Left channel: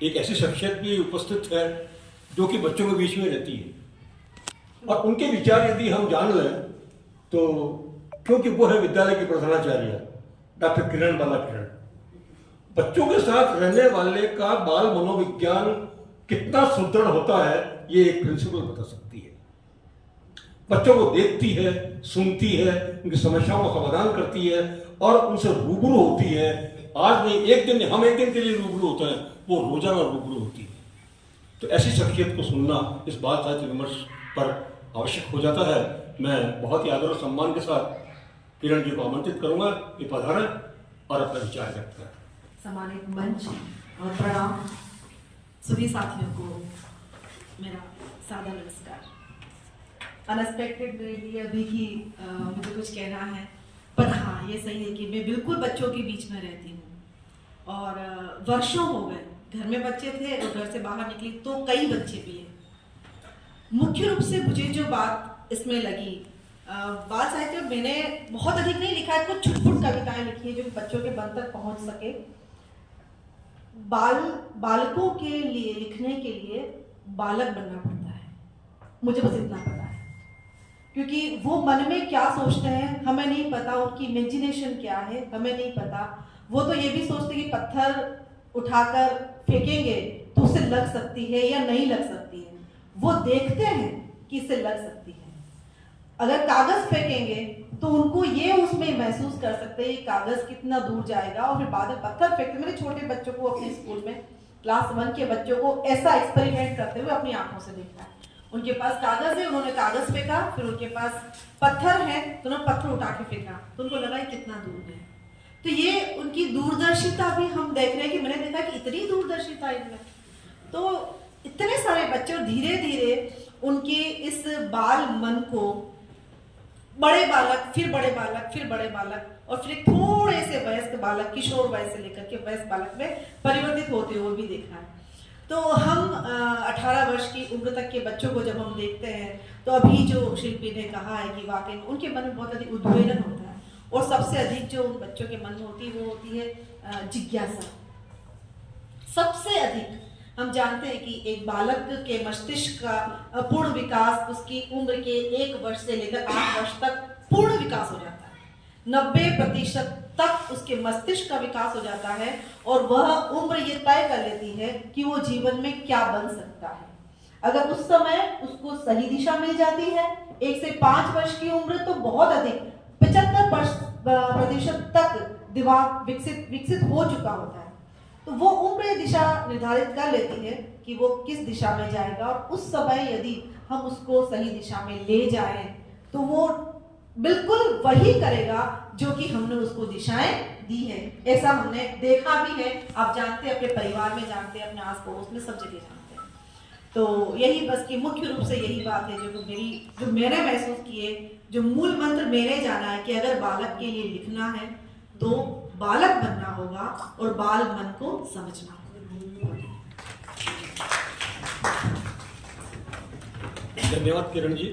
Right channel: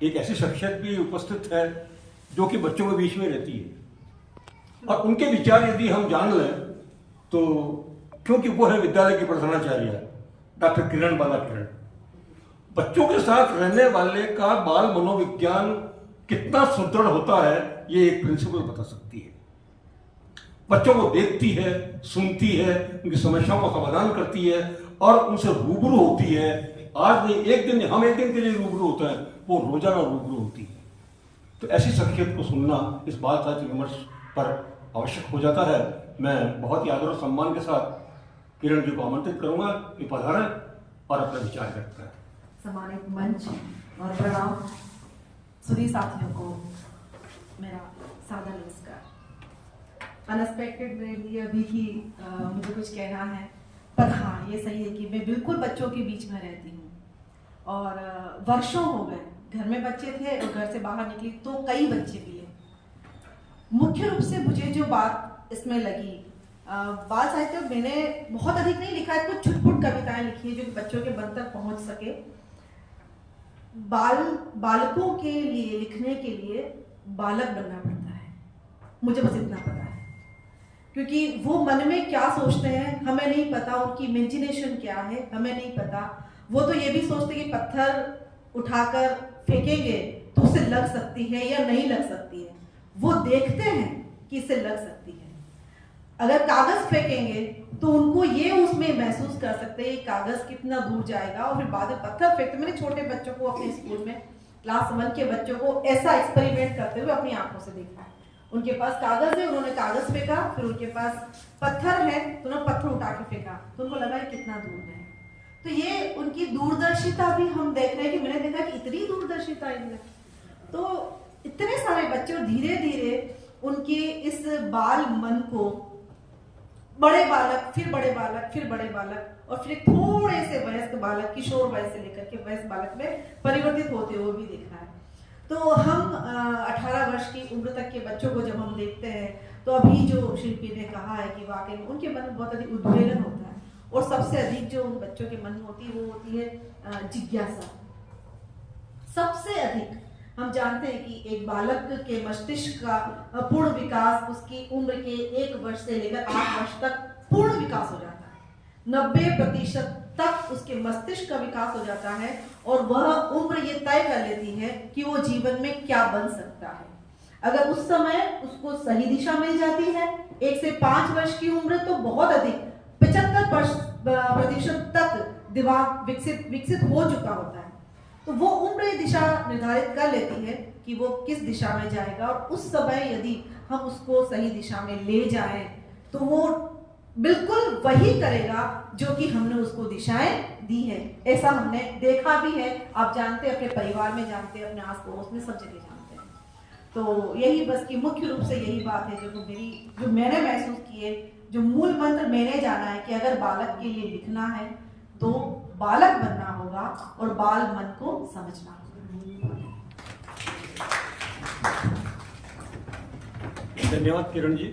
एक ऐसी शख्सियत भी उपस्थित है जो कि बच्चों के बीच में रहती है, और उनके विचार यदि हम जान लें तो, क्योंकि वो है विद्यालय की प्रधानाचार्य डॉक्टर किरण बाला किरण। बच्चों के साथ रहने वाले का बाल मनोविज्ञान कितना सुदृढ़ होता है ये एक प्रिंसिपल बता सकती है। बच्चों को देखती है, सुनती है, उनकी समस्याओं का समाधान करती है और उनसे रूबरू होती है। आज नहीं, एक दिन, हम एक दिन के लिए रूबरू होते हैं, वो रोजाना रूबरू होती है। तो ऐसी शख्सियत को सुनना इस बाल साहित्य विमर्श पर आवश्यक हो जाता है। मैं बहुत ही आदर और सम्मान के साथ किरण जी को आमंत्रित करूंगा कि पधारें और अपना विचार व्यक्त करें। सम्मानित मंच और प्रणाम सभी साथियों को मेरा सादर नमस्कार। अनएक्सपेक्टेड मेरे लिए अभी ही मुझे कुछ कहना है, पर हाँ ये सही है कि मैं बिल्कुल बच्चों के बीच में रहती हूँ और वर्षों हो गए घर में बच्चे थे और घर से बाहर निकली तो कई बच्चे भी हैं। मुख्य रूप से मुझे जो बात इसमें लगी, बाल साहित्य मैंने बहुत अधिक नहीं लिखा है, कुछ छुटपुट कविताएं लिखी है जो कि बच्चों के मन तक पहुंच सके। बालकों के लिए लिखने के लिए बालक बनना पड़ता है, मुझे बस इतना पता है, क्योंकि वो मन में क्या सोचते हैं हमें नहीं पता, उनकी इमेजिनेशन क्या है हमें नहीं पता। वो तो ये भी सोचते कि पत्थर उठाकर फेंकेंगे तो उसे लग सकती है या नहीं लग सकती है, वो देखते हैं कि इसे लग सकती है। अगर कागज फेंकेंगे तो उनको ये उसमें महसूस कर सकते हैं कागज कितना दूर जाएगा, और फिर बाद में पत्थर फेंकते। मैंने छोटे बच्चों को अपने स्कूल में क्लास 1 के बच्चों को ऐसा एक्सपेरिमेंट करते हुए अपनी आंखों से देखा। उनके पास कागज है, उन्होंने कागज फेंका, फिर उनके पास पत्थर है तो उन्होंने पत्थर उठा के फेंका, तो उनको लगा कितना दूर है। तो ये उनकी दूरदर्शिता भी हम देख रहे हैं कि मैंने देखा कि इतनी दूरदर्शिता इनमें। तो इतने सारे बच्चे धीरे धीरे उनके इस बाल मन को बड़े बालक, फिर बड़े बालक, फिर बड़े बालक और फिर एक थोड़े से वयस्क बालक, किशोर वयस से लेकर के वयस्क बालक में परिवर्तित होते हुए भी देखा है। तो हम 18 वर्ष की उम्र तक के बच्चों को जब हम देखते हैं तो अभी जो शिल्पी ने कहा है कि वाकई में उनके मन में बहुत अधिक उद्वेलन होता है, और सबसे अधिक जो उन बच्चों के मन में होती है वो होती है जिज्ञासा। सबसे अधिक हम जानते हैं कि एक बालक के मस्तिष्क का पूर्ण विकास उसकी उम्र के 1 वर्ष से लेकर 8 वर्ष तक पूर्ण विकास हो जाता है। 90% तक उसके मस्तिष्क का विकास हो जाता है और वह उम्र ये तय कर लेती है कि वो जीवन में क्या बन सकता है। अगर उस समय उसको सही दिशा मिल जाती है, 1 से 5 वर्ष की उम्र तो बहुत अधिक 75% तक दिमाग विकसित हो चुका होता है, तो वो उम्र ये दिशा निर्धारित कर लेती है कि वो किस दिशा में जाएगा। और उस समय यदि हम उसको सही दिशा में ले जाएं तो वो बिल्कुल वही करेगा जो कि हमने उसको दिशाएं दी है। ऐसा हमने देखा भी है, आप जानते हैं, अपने परिवार में जानते हैं, अपने आस पड़ोस में सब जगह जानते हैं। तो यही बस की मुख्य रूप से यही बात है जो मैंने महसूस किए, जो मूल मंत्र मैंने जाना है कि अगर बालक के लिए लिखना है तो बालक बनना होगा और बाल मन को समझना होगा। धन्यवाद किरण जी।